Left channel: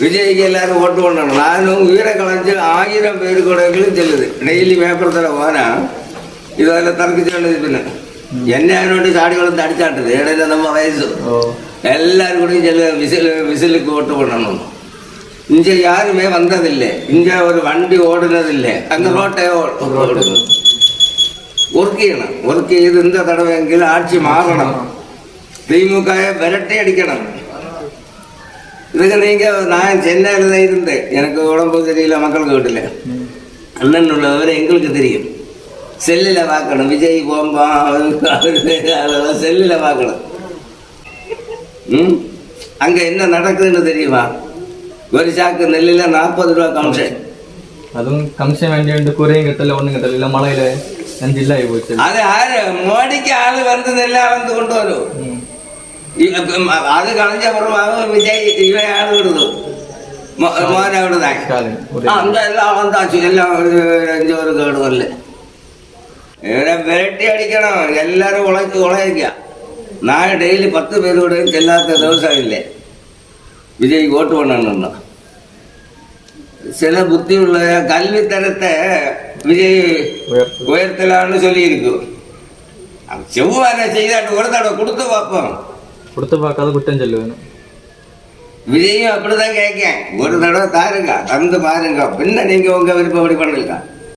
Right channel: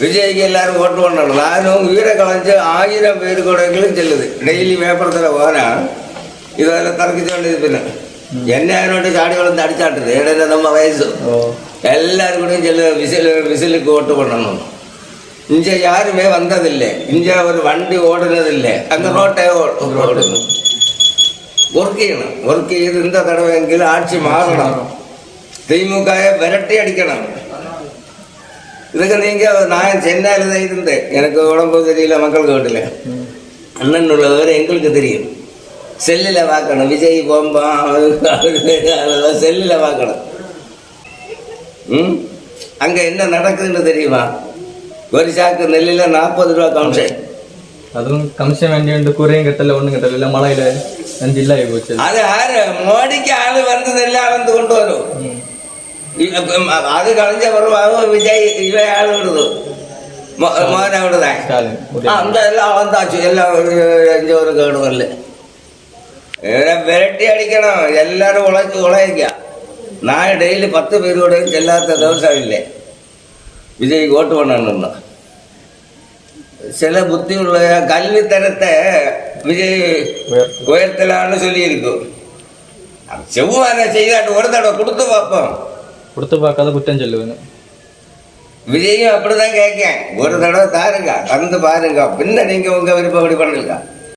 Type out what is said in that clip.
விஜய்க்கு எல்லாரும் ஓட்டு பண்ணணும். நானும் உயிரை கலைஞ்சு 1000 பேர் கூடங்களும் செல்லுது. டெய்லி பேப்பரத்தில் போனால் இதில் தரக்கு சொல்லுது. பின்ன என்ன யாரோட்டு சாடி வளர்ந்து அடிச்சாட்டுது. இடையில நம்ம வயசு எல்லாரும் கூட விசிலுக்கு ஓட்டு பண்ணணும். இங்கே யாருமே வந்ததில்லை. இங்கே ஒரு வண்டி ஓடுனதில்லை. அங்கே ரோட்டை ஓடணும். ஒர்க் செய்யணும். ஒர்க் செய்து இந்த தடவை எங்கிலும் ஆட்சி மாறணும். திமுக விரட்டி அடிக்கணும். இதுக்கு நீங்கள் நான் சென்னையில் தான் இருந்தேன். எனக்கு உடம்பு தெரியல. மக்களுக்கு வீட்டில் அண்ணன் உள்ளவரை எங்களுக்கு தெரியும். செல்லில் பார்க்கணும். விஜய் போம்பா அதெல்லாம் செல்லில் பார்க்கணும். அங்கே என்ன நடக்குதுன்னு தெரியுமா? ஒரு சாக்கு நெல்லில் 40 ரூபா கமிஷன். அதுவும் கமிஷன் வேண்டிய குறையும் கட்டல ஒன்றும் கட்டல. இல்லை மழையில நஞ்சு இல்லை போச்சு. அது யாரு மோடிக்கு ஆளு வந்து நெல்லை அளந்து கொண்டு வரும். அது கலைஞ்ச பிறகு விஜய் இவன் ஆளு விடுது. மோனை விடுதான். அந்த எல்லாம் அளந்தாச்சு. எல்லாம் ஒரு கேடு வரல. விரட்டி அடிக்கணும். எல்லாரும் உழைக்க. நான் டெய்லி 10 பேரோட செல்லாத தவசம் இல்லை. விஜய்க்கு ஓட்டு பண்ணணும்னா சில புத்தி உள்ள கல்வித்தரத்தை விஜய் உயர்த்தலான்னு சொல்லியிருக்கு. செவ்வாய் செய்யாட்டு ஒரு தடவை கொடுத்து பார்ப்போம். கொடுத்து பார்க்காத குற்றம் சொல்லுவேன். விஜயும் அப்படிதான் கேட்கேன். ஒரு தடவை தாருங்க, தந்து பாருங்க. பின்ன நீங்க உங்க விருப்பப்படி பண்ணுங்க.